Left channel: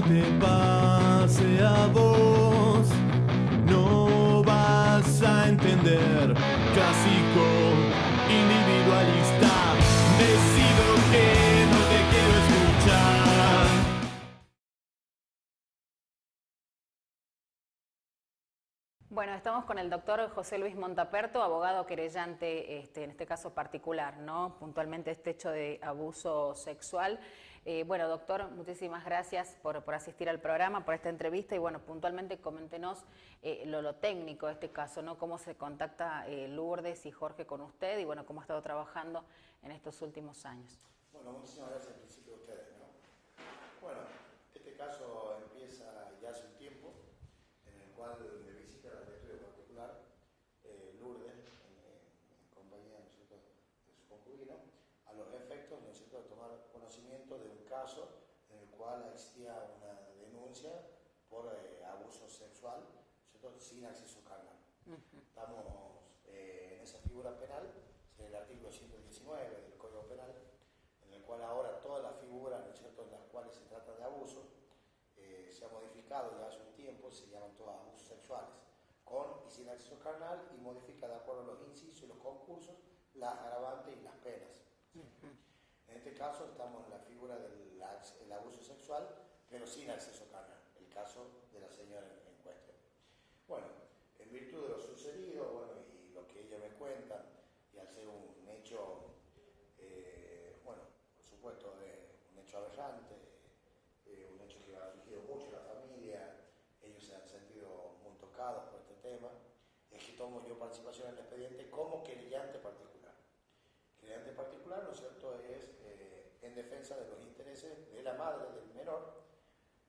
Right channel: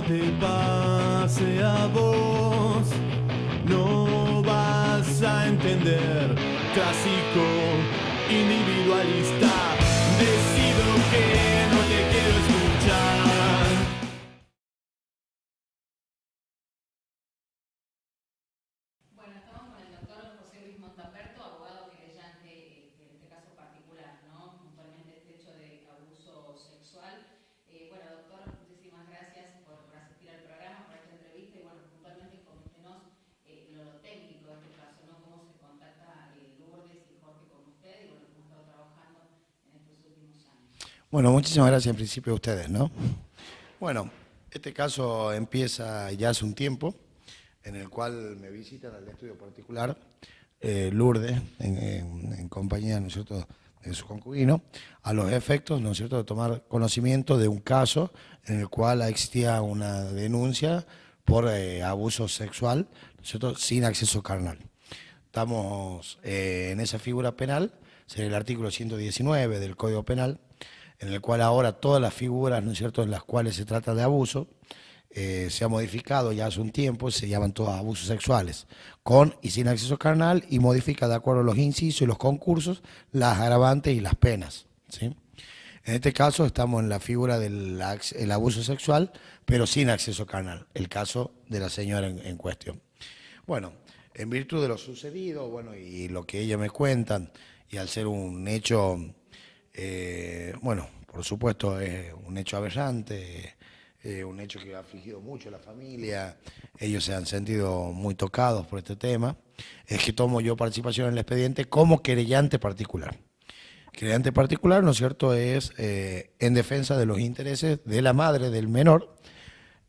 no te pase a vos, no vas a entender. Clásico, individualista, decido que no te quiero escuchar. Bueno, estamos con el doctor José Luis Montaperto, abogado querellante, en este caso particular, ¿no? Puntualmente este hecho de abuso sexual. Bueno, doctor, muchísimas gracias por asistir al programa, por esta entrevista y bueno, puntualmente coméntenos lo técnico de este caso, ¿no? Cómo se contacta Lourdes y Jorge con usted y bueno, cómo ha estado trabajando en estos últimos años. Bueno, muchísimas gracias en principio a ustedes, ¿no? Bueno, este caso empieza ya hace un tiempo, en el cual me visitan al estudio particular Lourdes, en compañía, ¿no es cierto?, de su concubino, a los efectos, ¿no es cierto?, de tomar conocimiento de un caso en el cual existía una denuncia por abuso sexual, ¿no es cierto?, sin acceso carnal. Estamos en esa figura penal, es el artículo 119 del Código Penal, en el cual ahora todas las figuras, ¿no es cierto?, en las cuales se trata de abuso, se ha modificado ya hace un tiempo, se llaman todos abusos sexuales, con y sin acceso carnal, y modifica de acuerdo a los incisos y los concursos, las agravantes y las penas, ¿sí? En este caso estamos en la figura del abuso sexual, pero sin acceso carnal, el caso de la señora en cuestión. Bueno, en virtud de lo sucedido, bueno, y lo que ellos me cuentan, y al ser un hecho, bueno, por supuesto es un hecho aberrante, un hecho que ha afligido mucho a la familia, ellos se han sentido muy tocados por este tema, es que tomo yo participación en el expediente como querellante particular. Querellante particular, ¿no es cierto?, es en defensa de los intereses de la madre del menor,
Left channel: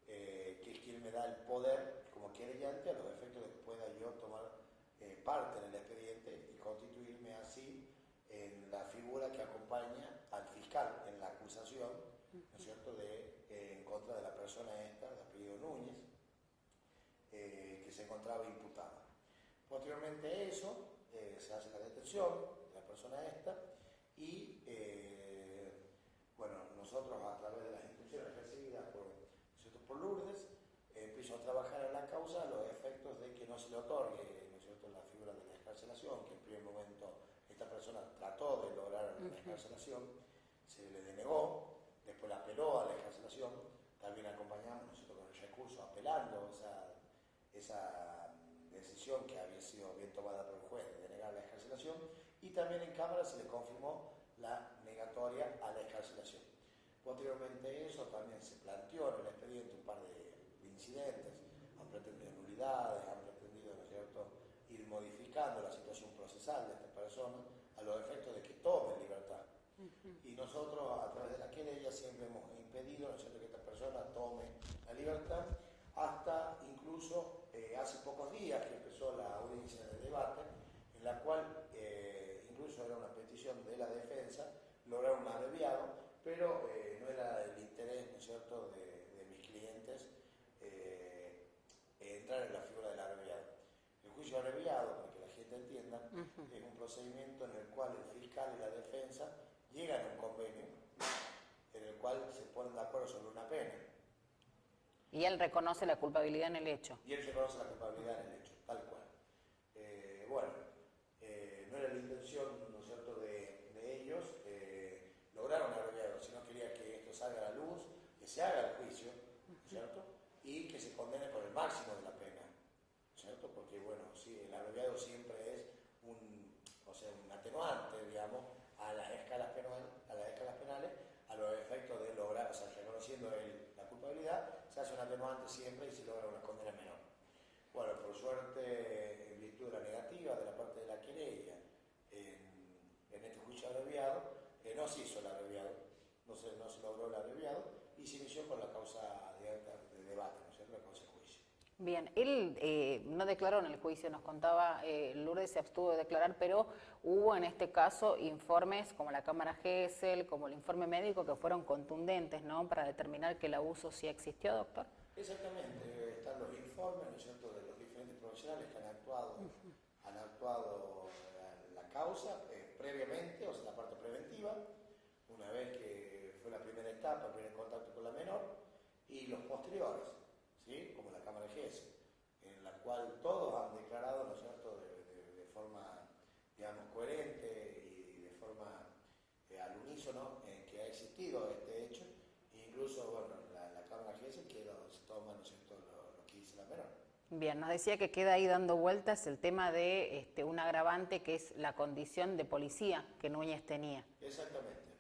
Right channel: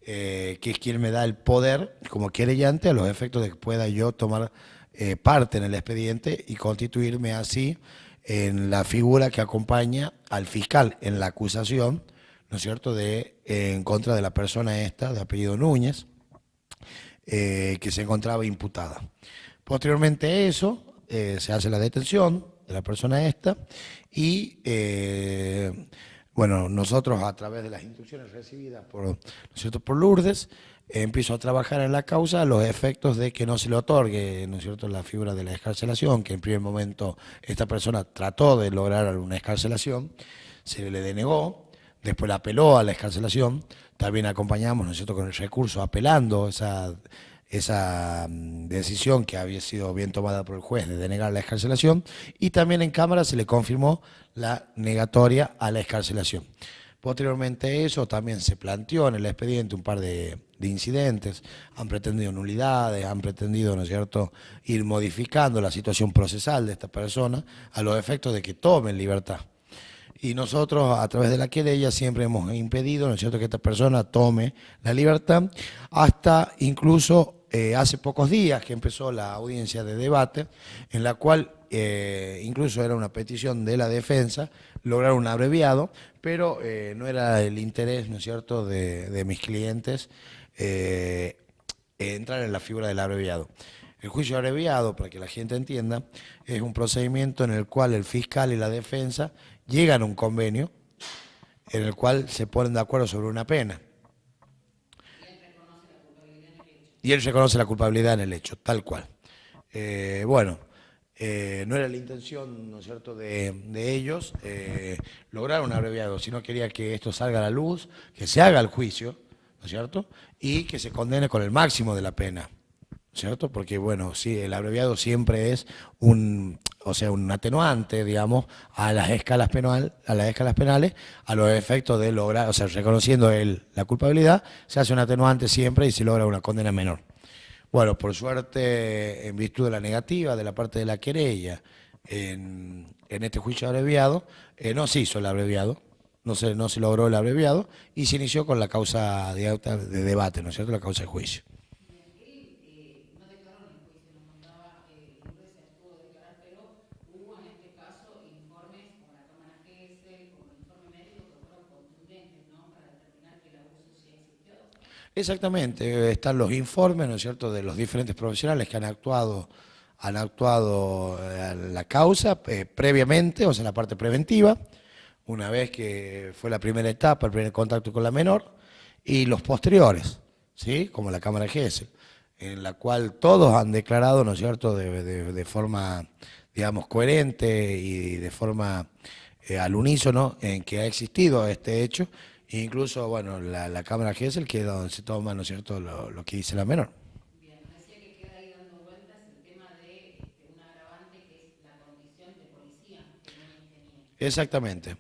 que es quien me da el poder como querellante a los efectos de que pueda yo tomar parte en el expediente y constituirme así en la figura que acompaña al fiscal en la acusación, ¿no es cierto?, en contra de la persona esta, de apellido Núñez, que se encontraba imputada. Posteriormente a eso, se hace la detención de la persona esta y, bueno, nosotros a través de las instrucciones recibidas por, ¿no es cierto?, por Lourdes, empiezo a trabajar en la causa a los efectos de que no se le otorgue, ¿no es cierto?, la figura de la excarcelación, que en primer momento esta persona trató de lograr una excarcelación, se le denegó. Después la apeló a la excarcelación, también acompañamos, ¿no es cierto?, con el recurso apelando esa decisión que había sido bien tomada por el juez de denegar la excarcelación, y también en Cámara se le confirmó la negatoria a la excarcelación. Posteriormente a eso también se planteó en el expediente un par de incidentes, han pretendido nulidades, han pretendido, ¿no es cierto?, ir modificando la situación procesal de esta persona a los efectos de que tomen libertad. Y nosotros, a través de la querella, siempre hemos impedido, ¿no es cierto?, que esta persona tome la libertad, hasta incluso hace pocos días que empezó la audiencia de debate, en la cual incluso era una petición de la defensa, lograr un abreviado, pero no era el interés, ¿no es cierto?, de mis clientes entrar en la figura del abreviado. El juicio abreviado, para que la gente entienda, es un procedimiento en el cual el fiscal y la defensa llegan a un convenio en el cual se ponen de acuerdo sobre una pena. Y él reconoce la culpabilidad en el hecho. Y él reconoce la culpabilidad en el hecho, tal cual. Bueno, no era la intención, ¿no es cierto?, de ellos lograr un abreviado, sino quería que esto salga a la luz, que se haga el juicio, ¿no es cierto?, y que se condene con el máximo de la pena, ¿cierto? Porque, bueno, sí, el abreviado siempre es un atenuante, digamos, a las escalas penales, a los efectos de lograr, o sea, reconociendo él la culpabilidad, se hace un atenuante siempre y se logra una condena menor. Bueno, por suerte, en virtud de la negativa de la parte de la querella en este juicio abreviado, no se hizo el abreviado, no se logró el abreviado y se inició con la causa de debate, ¿no es cierto?, la causa de juicio. Bien, él no declaró en el juicio, nos contaba, Lourdes se abstuvo de declarar, pero hubo en este caso informes como la Cámara Gesell, como el informe médico, que fueron contundentes, ¿no?, para determinar que el abuso sí existió, doctor. Exactamente, están los informes, ¿no es cierto?, de los diferentes profesionales que han actuado en la causa previamente, o sea, la parte preventiva, una vez que fue la primera etapa, el primer contacto con la menor, y los posteriores, ¿sí? Como la Cámara Gesell, en la cual todos han declarado, ¿no es cierto?, de forma, digamos, coherente y de forma al unísono en que ha existido este hecho, e incluso, bueno, la Cámara Gesell, que es donde se toma, ¿no es cierto?, lo que dice la menor. Bien, nos decía que queda ahí dando vueltas el tema de un agravante que es la condición de policía que Núñez tenía. Exactamente,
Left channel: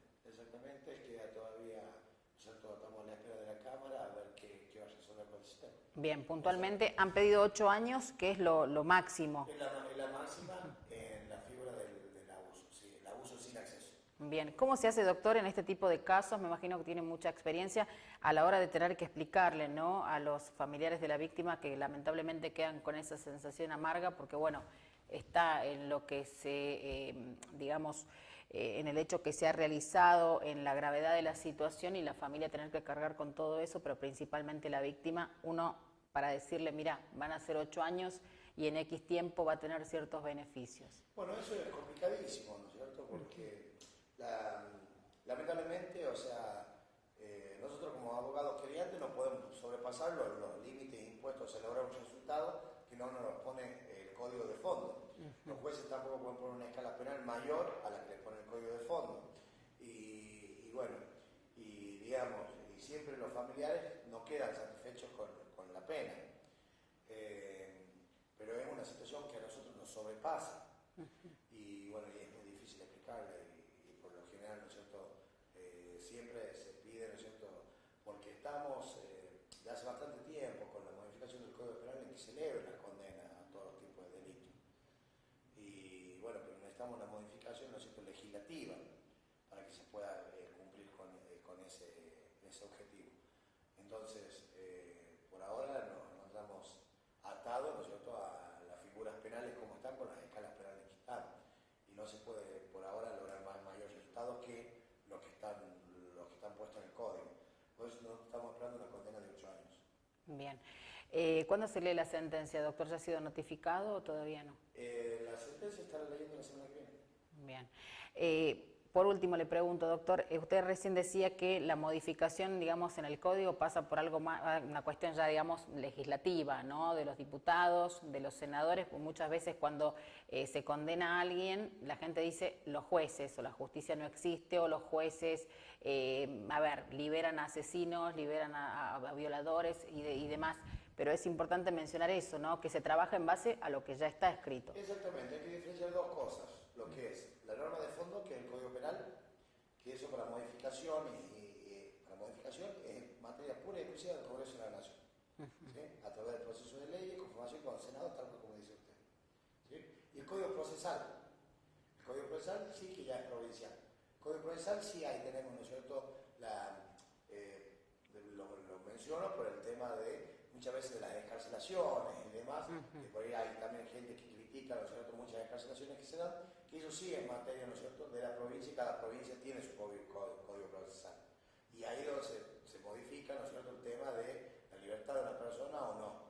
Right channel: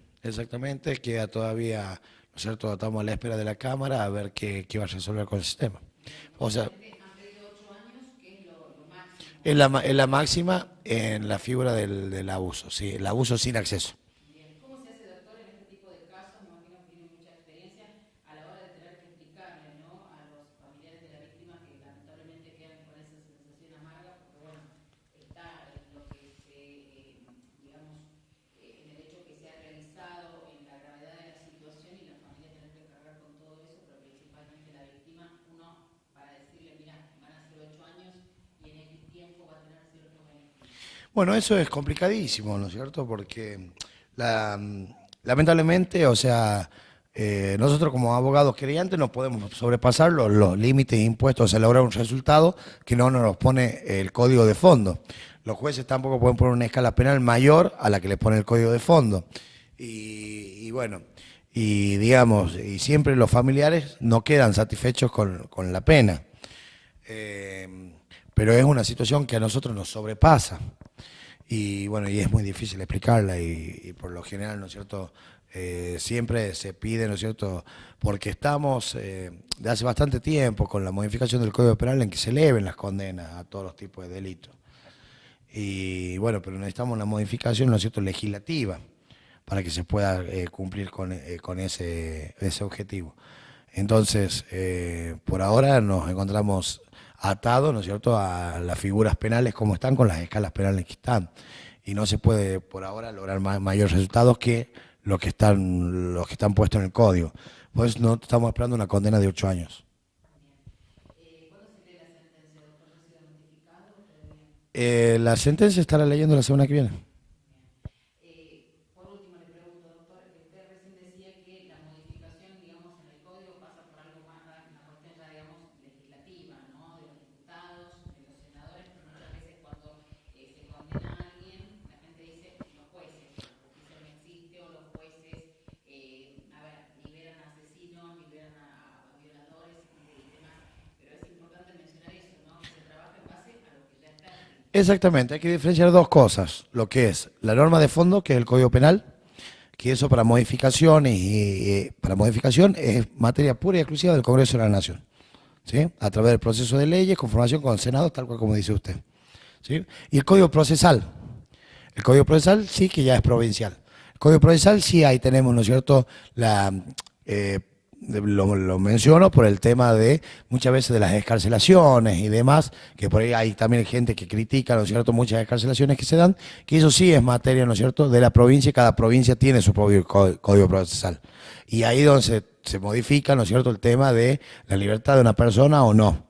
queda todavía, ¿no es cierto?, estamos a la espera de la Cámara a ver qué va a resolver con el sistema. Bien, puntualmente han pedido 8 años, que es lo máximo. Es la máxima en la figura del abuso, sí, el abuso sin acceso. Bien, ¿cómo se hace, doctor, en este tipo de casos? Me imagino que tiene mucha experiencia a la hora de tener que explicarle, ¿no?, a los familiares de la víctima que lamentablemente quedan con esa sensación amarga porque, bueno, está en lo que se, digamos, en el hecho que se ha realizado, en la gravedad de la situación y la familia tener que cargar con todo eso, pero principalmente la víctima, uno para decirle, mira, van a ser 8 años y en X tiempo va a tener ciertos beneficios. Bueno, eso es complicadísimo, ¿no es cierto?, porque lamentablemente, o sea, nosotros como abogados querellantes no podemos sobrepasar los límites impuestos a lograr un resultado que no nos pone el código de fondo. Los jueces tampoco pueden poner una escala penal mayor a la que les pone el código de fondo. Y bueno, y digamos, y siempre los familiares no quedan satisfechos con la pena. Pero es una situación que a nosotros nos sobrepasa. Y bueno, y es muy difícil explicarla y por lo general, ¿no es cierto?, siempre se pide, ¿no es cierto?, porque estamos de hace bastante tiempo con la modificación del Código Penal en que se eleven las condenas a todos los tipos de delitos. Y bueno, pero necesitamos una modificación, ¿no es cierto?, legislativa para que se pueda cumplir con ese objetivo. Entonces, por ahora nos encontramos atados, ¿no es cierto?, a las figuras penales como están, con las escalas penales que están. Y no se puede por ahora lograr mayores resultados que los que están puestos en el código. Pues no estamos esperando una condena de 8 años. Bien. ¿Cuándo se lee la sentencia, doctor? ¿Ya ha sido notificado o todavía no? La sentencia estará leyendo la semana que viene. Bien. Por último, le pregunto, doctor, usted recién decía que la modificación, digamos, en el código pasa por algo más, una cuestión ya, digamos, legislativa, ¿no?, de los diputados, de los senadores, pues muchas veces cuando se condena a alguien, la gente dice los jueces, o la justicia no existe, o los jueces, liberan a asesinos, liberan a violadores y demás. Pero es importante mencionar eso, ¿no?, que se trabaja en base a lo que ya está escrito. Exactamente, hay que diferenciar dos cosas. Lo que es la norma de fondo, que es el Código Penal, que eso para modificaciones para modificación es materia pura y exclusiva del Congreso de la Nación, ¿sí?, a través del proceso de leyes, conformación con el Senado, tal cual como dice usted, ¿sí? Y el Código Procesal sí que ya es provincial. El Código Procesal sí, ahí tenemos, ¿no es cierto?, lo menciono por el tema de muchas veces de las excarcelaciones y demás, que por ahí hay también gente que critica, ¿no es cierto?, muchas excarcelaciones que se dan, que eso sí es materia, ¿no es cierto?, de la provincia, y cada provincia tiene su propio código procesal. Y ahí donde se modifica, ¿no es cierto?, el tema de la libertad de una persona o no,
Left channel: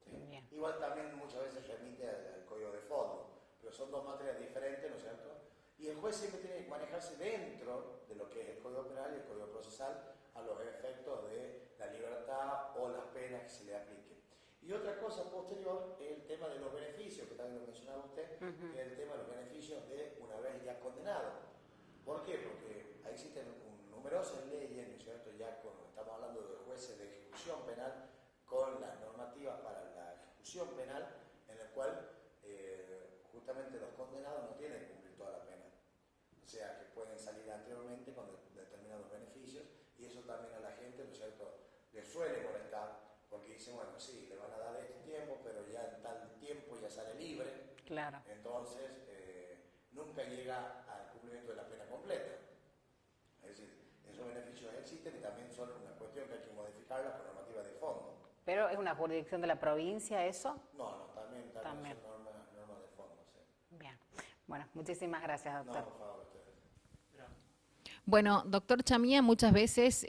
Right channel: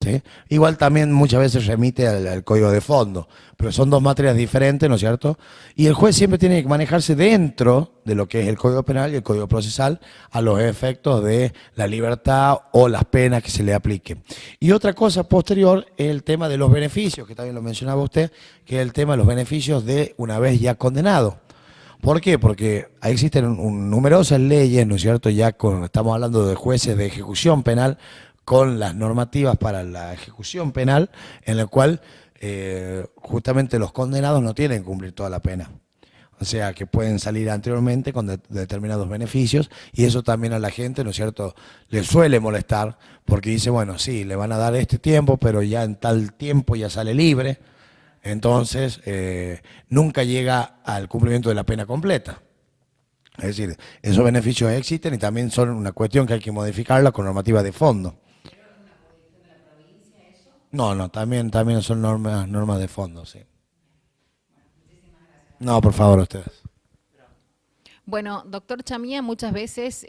¿sí? Igual también muchas veces remite al código de fondo, pero son dos materias diferentes, ¿no es cierto? Y el juez siempre tiene que manejarse dentro de lo que es el Código Penal y el Código Procesal a los efectos de la libertad o las penas que se le apliquen. Y otra cosa posterior es el tema de los beneficios, que también lo mencionaba usted, que es el tema de los beneficios de una vez ya condenado. ¿Por qué? Porque ahí existen numerosas leyes, ¿no es cierto? Ya estamos hablando de jueces de ejecución penal, con las normativas para la ejecución penal, en la cual justamente los condenados no tienen que cumplir toda la pena. O sea, que pueden salir anteriormente con determinados beneficios, y eso también a la gente, ¿no es cierto?, le suele molestar, porque dice, bueno, sí, le van a dar este tiempo, pero ya en tal tiempo ya sale libre. Claro. Entonces, nunca llega al cumplimiento de la pena completa. Es decir, esos beneficios existen y también son una cuestión que hay que modificarla con normativa de fondo. ¿Pero es una jurisdicción de la provincia eso? No, también son normas de fondo, sí. Bien. Bueno, muchísimas gracias, doctor. No, por favor, ustedes. Bueno, doctor Chamía, muchas veces,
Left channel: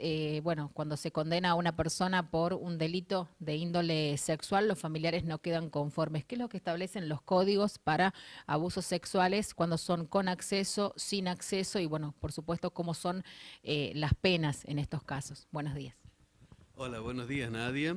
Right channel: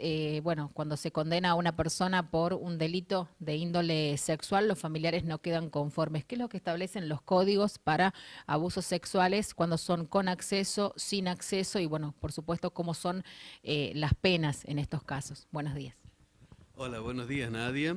cuando se condena a una persona por un delito de índole sexual, los familiares no quedan conformes. ¿Qué es lo que establecen los códigos para abusos sexuales cuando son con acceso, sin acceso y, bueno, por supuesto, cómo son las penas en estos casos? Buenos días. Hola, buenos días, Nadia.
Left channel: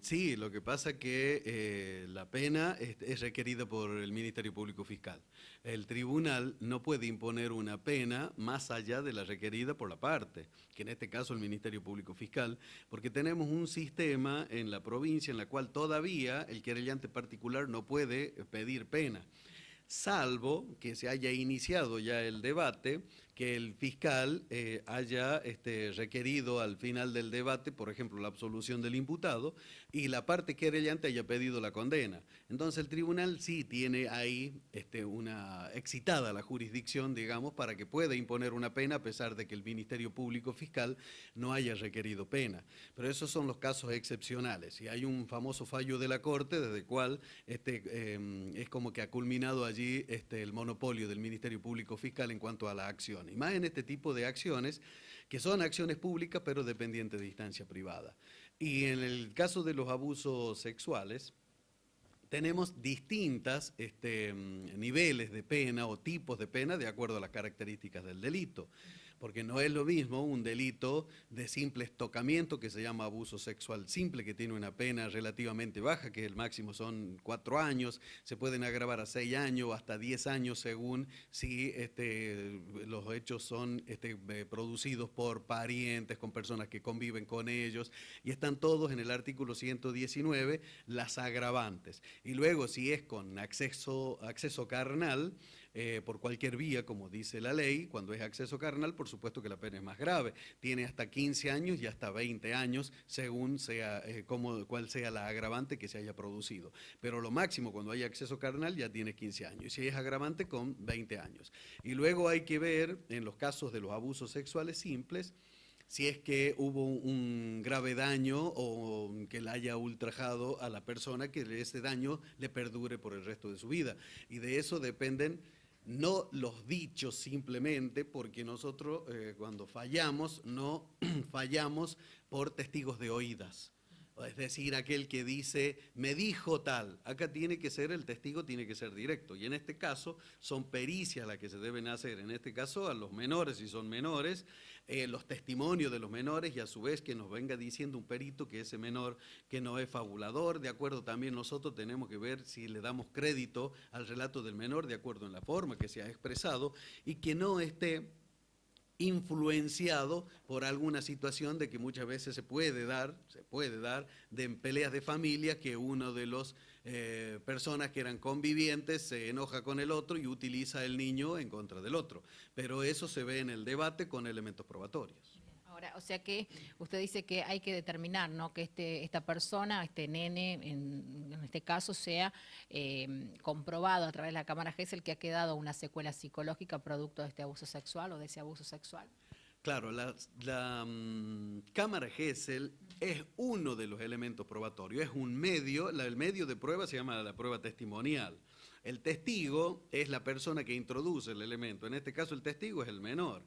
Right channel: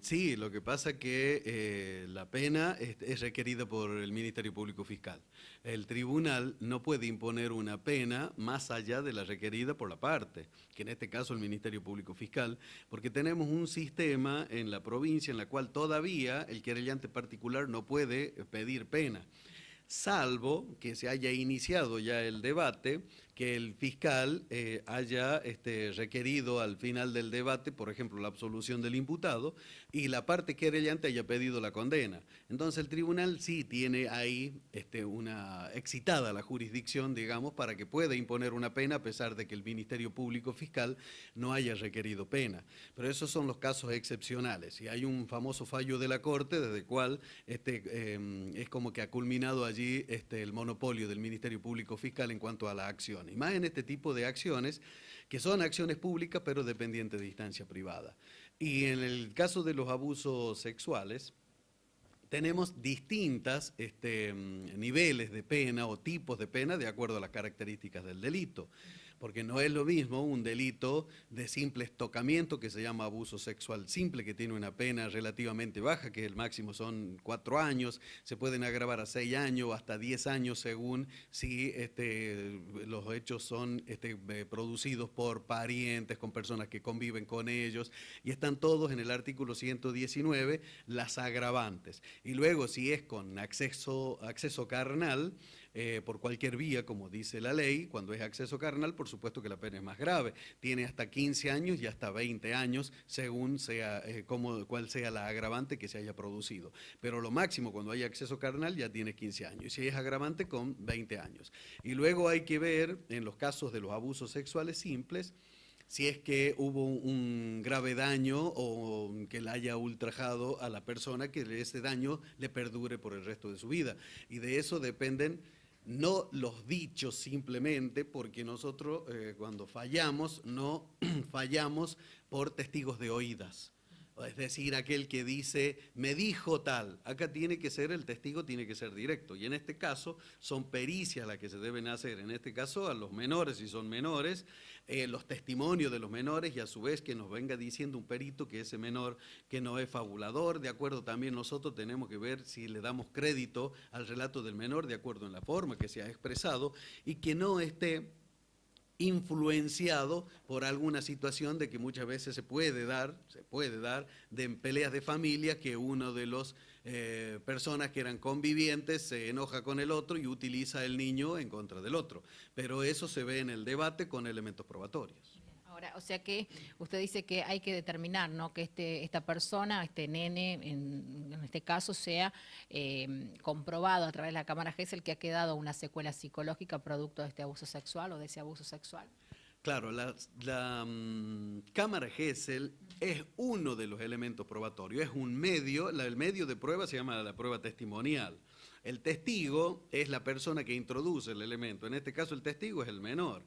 Sí, lo que pasa que la pena es requerida por el Ministerio Público Fiscal. El tribunal no puede imponer una pena más allá de la requerida por la parte, que en este caso el Ministerio Público Fiscal, porque tenemos un sistema en la provincia en la cual todavía el querellante particular no puede pedir pena, salvo que se haya iniciado ya el debate, que el fiscal haya requerido al final del debate, por ejemplo, la absolución del imputado, y la parte querellante haya pedido la condena. Entonces el tribunal sí tiene ahí una excitada la jurisdicción, digamos, para que pueda imponer una pena a pesar de que el Ministerio Público Fiscal no haya requerido pena. Pero esos son los casos excepcionales, y hay un famoso fallo de la Corte desde el cual es como que ha culminado allí el monopolio del Ministerio Público Fiscal en cuanto a la acción. Y más en este tipo de acciones, que son acciones públicas pero dependientes de instancia privada. Y en el caso de los abusos sexuales, tenemos distintos niveles de pena o tipos de pena de acuerdo a las características del delito. Porque no es lo mismo un delito de simple estocamiento, que se llama abuso sexual simple, que tiene una pena relativamente baja, que el máximo son 4 años, se pueden agravar a 6 años o hasta 10 años según si los hechos son producidos por parientes, con personas que conviven con ellos, y están todos en el artículo 119, las agravantes. Y luego si es con acceso carnal, por cualquier vía, como dice la ley, cuando es acceso carnal, por supuesto que la pena es más grave. Tiene hasta 15 años y hasta 20 años, según sea, cuál sea la agravante que se haya producido. Pero lo máximo cuando hay acceso carnal ya tiene 15 años. Y si es agravante, con 20 años. Y luego hay que ver, en los casos de los abusos sexuales simples, si es que hubo un grave daño o que le haya ultrajado a la persona, que ese daño le perdure por el resto de su vida. Y de eso dependen no los dichos simplemente, porque nosotros cuando fallamos, no fallamos por testigos de oídas. Es decir, aquel que dice, me dijo tal. Acá tiene que ser, el testigo tiene que ser directo. Y en este caso son pericias las que se deben hacer. En este caso a los menores, si son menores, los testimonios de los menores, y a su vez que nos venga diciendo un perito que ese menor que no es fabulador. De acuerdo, también nosotros tenemos que ver si le damos crédito al relato del menor de acuerdo en la forma que se ha expresado, y que no esté influenciado por alguna situación de que muchas veces se puede dar de peleas de familia, que uno de los personas que eran convivientes se enoja con el otro y utiliza el niño en contra del otro. Pero eso se ve en el debate con elementos probatorios. Ahora, o sea que usted dice que hay que determinar, ¿no?, que esta persona, este nene, en este caso, sea comprobado a través de la cámara Gesell que ha quedado una secuela psicológica producto de este abuso sexual o de ese abuso sexual. Claro, la cámara Gesell es uno de los elementos probatorios, es un medio, el medio de prueba se llama la prueba testimonial. El testigo es la persona que introduce el elemento, en este caso el testigo es el menor.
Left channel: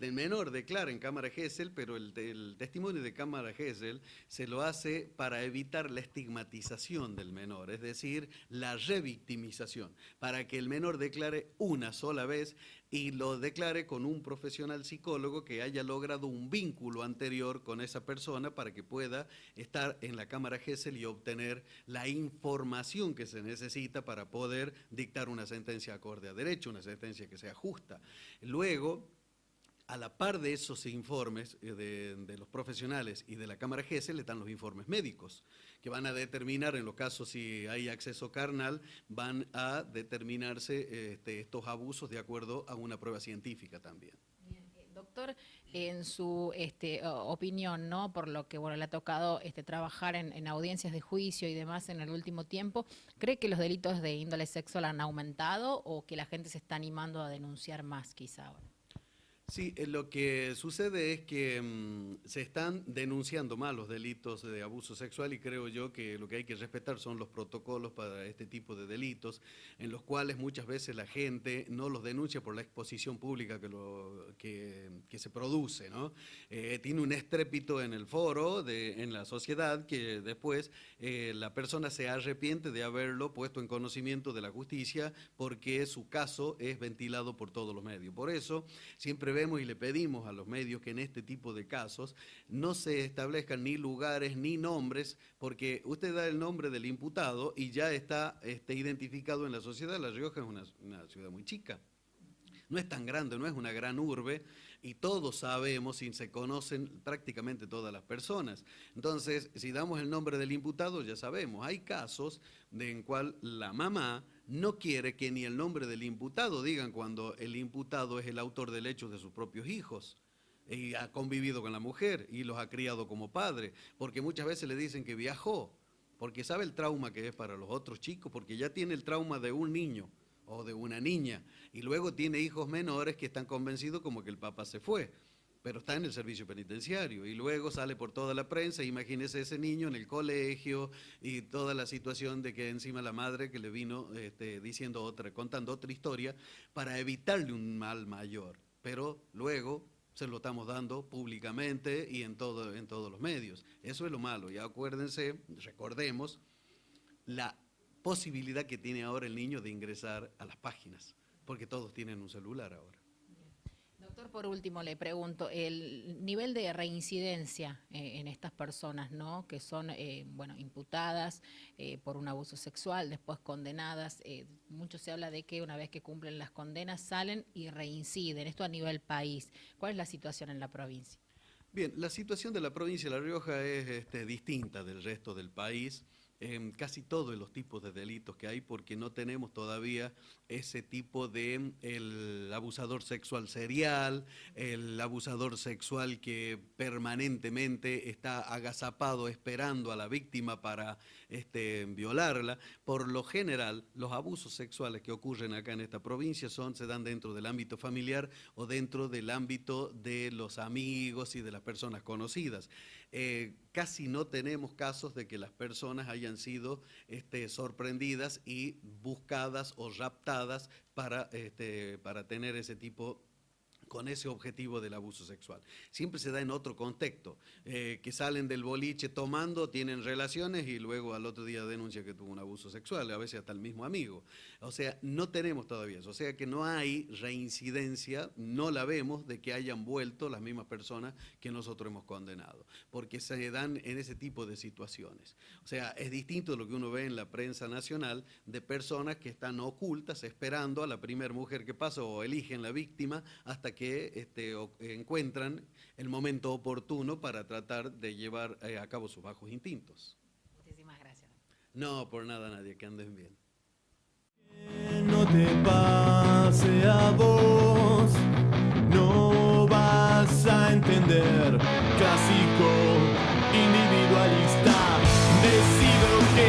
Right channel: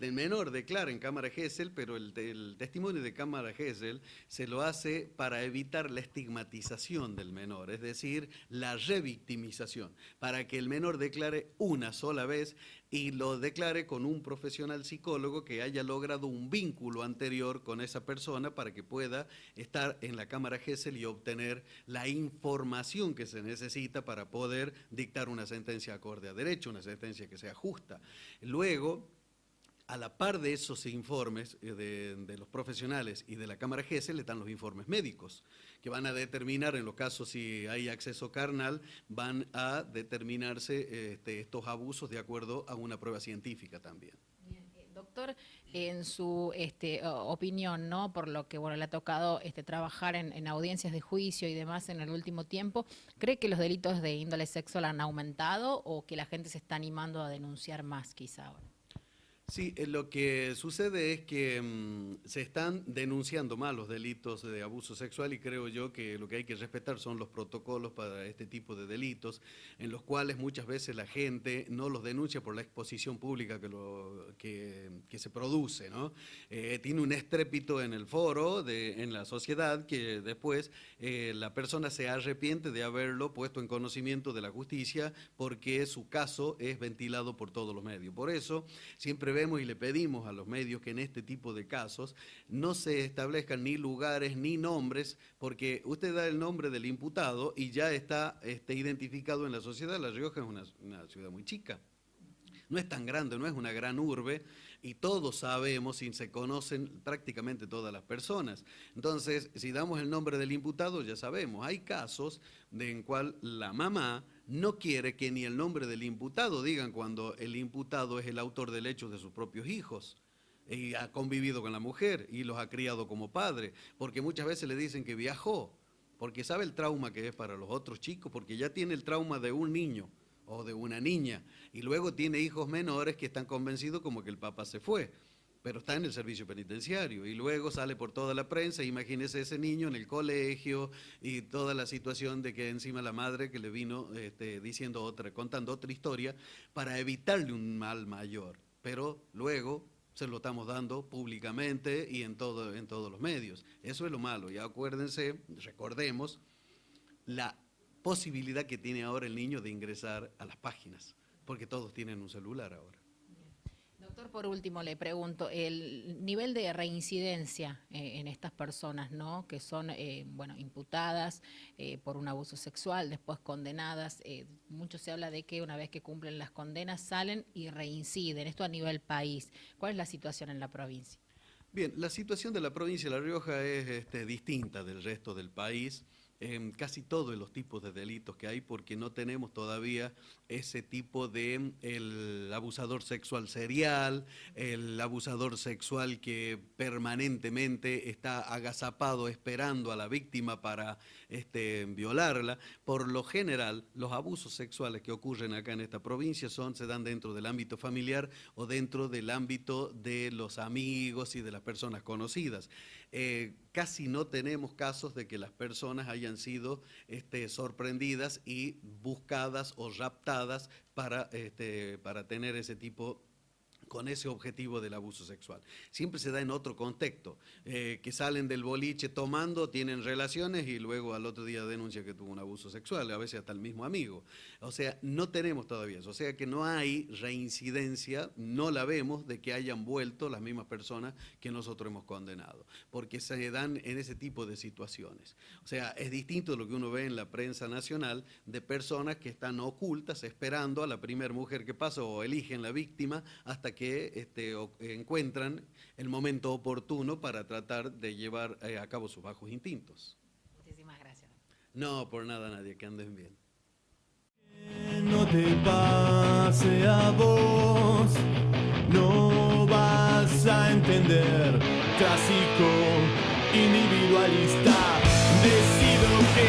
El menor declara en cámara Gesell, pero el testimonio de cámara Gesell se lo hace para evitar la estigmatización del menor, es decir, la revictimización, para que el menor declare una sola vez y lo declare con un profesional psicólogo que haya logrado un vínculo anterior con esa persona para que pueda estar en la cámara Gesell y obtener la información que se necesita para poder dictar una sentencia acorde a derecho, una sentencia que sea justa. Luego, a la par de esos informes de los profesionales y de la cámara Gesell están los informes médicos, que van a determinar, en los casos si hay acceso carnal, van a determinarse estos abusos de acuerdo a una prueba científica también. Doctor, en su opinión, ¿no?, por lo que le ha tocado trabajar en audiencias de juicio y demás en el último tiempo, ¿cree que los delitos de índole sexual han aumentado o que la gente se está animando a denunciar más quizá ahora? Sí, lo que sucede es que se están denunciando más los delitos de abuso sexual, y creo yo que lo que hay que respetar son los protocolos para este tipo de delitos, en los cuales muchas veces la gente no los denuncia por la exposición pública que se produce, ¿no? Tiene un estrépito en el foro, en la sociedad, que después la persona se arrepiente de haberlo puesto en conocimiento de la justicia porque su caso es ventilado por todos los medios. Por eso siempre vemos y le pedimos a los medios que en este tipo de casos no se establezcan ni lugares ni nombres, porque usted da el nombre del imputado y ya está identificado en la sociedad. La Rioja es una ciudad muy chica. No es tan grande, no es una gran urbe, y todos sabemos y se conocen prácticamente todas las personas. Entonces, si damos el nombre del imputado, ya sabemos. Hay casos en cual la mamá no quiere que ni el nombre del imputado digan cuando el imputado es el autor del hecho de sus propios hijos. Y ha convivido con la mujer y los ha criado como padre, porque muchas veces le dicen que viajó, porque sabe el trauma que es para los otros chicos, porque ya tiene el trauma de un niño o de una niña, y luego tiene hijos menores que están convencidos como que el papá se fue, pero está en el servicio penitenciario, y luego sale por toda la prensa. Imagínese ese niño en el colegio y toda la situación de que encima la madre que le vino contando otra historia para evitarle un mal mayor, pero luego se lo estamos dando públicamente y en todos los medios. Eso es lo malo. Y acuérdense, recordemos la posibilidad que tiene ahora el niño de ingresar a las páginas, porque todos tienen un celular ahora. Doctor, por último le pregunto, el nivel de reincidencia en estas personas, ¿no?, que son imputadas por un abuso sexual, después condenadas, mucho se habla de que una vez que cumplen las condenas salen y reinciden, esto a nivel país. ¿Cuál es la situación en la provincia? Bien, la situación de la provincia de La Rioja es distinta del resto del país. Casi todos los tipos de delitos que hay, porque no tenemos todavía ese tipo de el abusador sexual serial, el abusador sexual que permanentemente está agazapado esperando a la víctima para violarla. Por lo general, los abusos sexuales que ocurren acá en esta provincia se dan dentro del ámbito familiar o dentro del ámbito de los amigos y de las personas conocidas. Casi no tenemos casos de que las personas hayan sido sorprendidas y buscadas o raptadas para tener ese tipo, con ese objetivo del abuso sexual. Siempre se da en otro contexto, que salen del boliche tomando, tienen relaciones y luego al otro día denuncia que tuvo un abuso sexual, a veces hasta el mismo amigo. O sea, no tenemos todavía eso, o sea que no hay reincidencia, no la vemos de que hayan vuelto las mismas personas que nosotros hemos condenado, porque se dan en ese tipo de situaciones. O sea, es distinto de lo que uno ve en la prensa nacional de personas que están ocultas esperando a la primera mujer que pasa o eligen la víctima hasta que encuentran el momento oportuno para tratar de llevar a cabo sus bajos instintos. Muchísimas gracias. No, por nada, nadie, que anden bien. Que no te pase a vos, no vas a entender. Clásico, individualista, decido que